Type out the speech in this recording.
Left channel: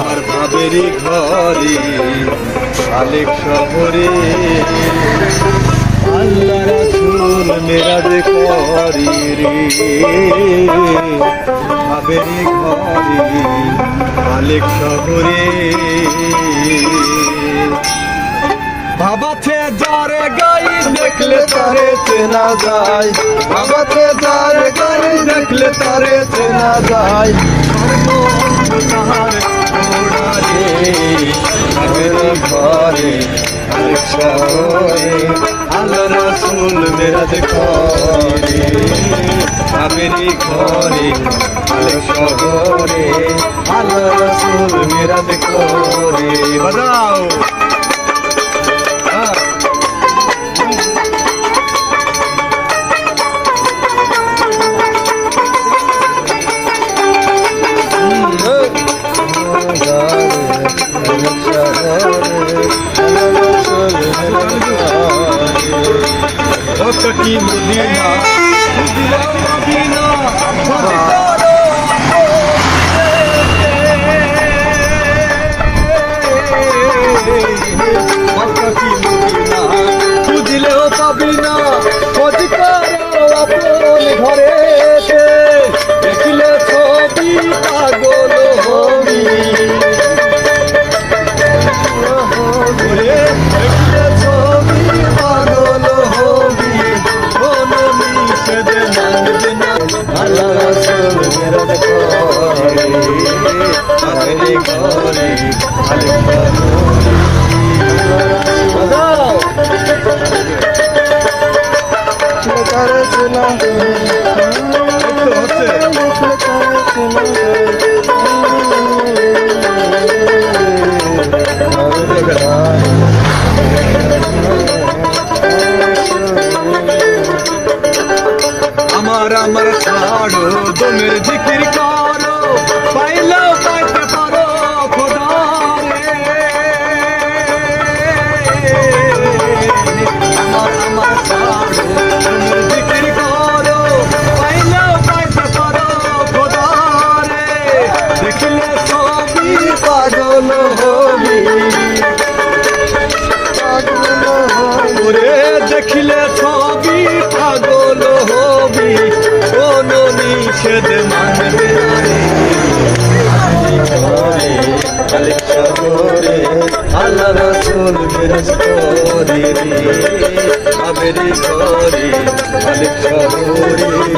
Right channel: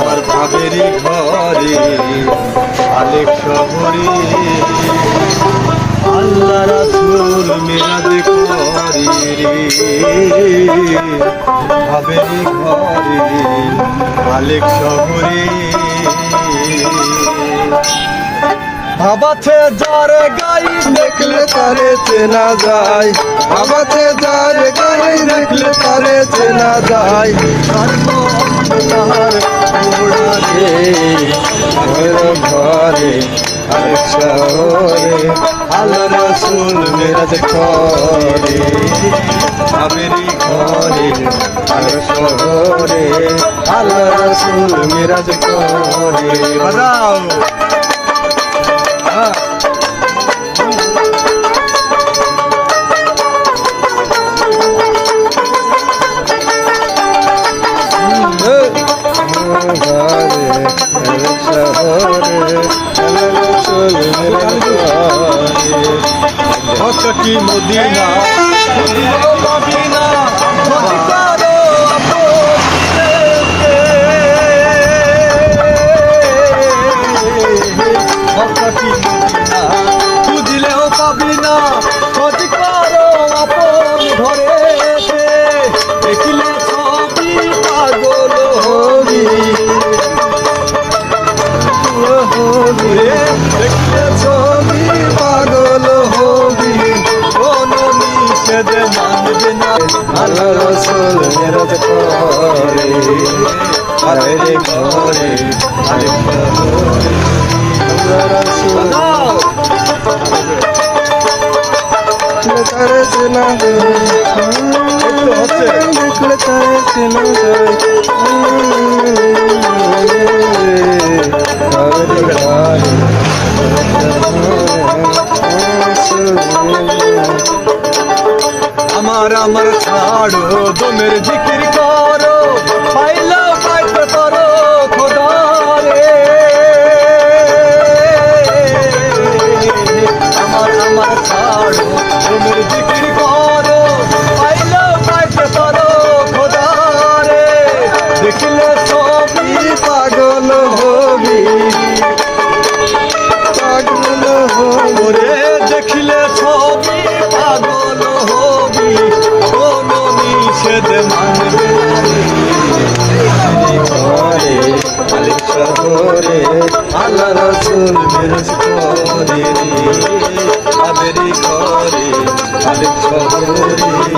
আর ভাবেরি ঘরে আলেক শহরে আল্লাহ রাসূল মেরাজ করি রে ভাবেরি ঘরে আলেক শহরে ভাবাতে যারে গাই দেখলে তারে চেনা যায় ভাবাতে যারে গাই দেখলে তারে চেনা যায় ঘরে আলেক শহরে আল্লাহ রাসূল মেরাজ করে ভাবেরি ঘরে আলেক শহরে আল্লাহ রাসূল মেরাজ করে বাজাও কি মদিনা মদিনা অধিকারো কি মদিনা বুঝলেও পাবি না অধিকারো আপন ঘরে দেখলে ছবি পাগল হবি দেখলে ছবি পাগল হবি আল্লাহ রাসূল মেরাজ করে ভাবেরি ঘরে আলেক শহরে আল্লাহ রাসূল তারে চেনা দেখলে তারে চেনা ভাবেরি ঘরে আমার ছাড়ো দমের জিকির করো পাইলাও পাইতে পারো খোদা রে আমার ছাড়ো দমের জিকির করো পাইলাও পাইতে পারো খোদা রে দেখলে ছবি পাগল হবি পাগল হবি দেখলে ছবি পাগল হবি কোনো নিষেধ মানবে না রে ঘরে আলেক শহরে আল্লাহ রাসূল মেরাজ করে রে ভাবেরি ঘরে আলেক শহরে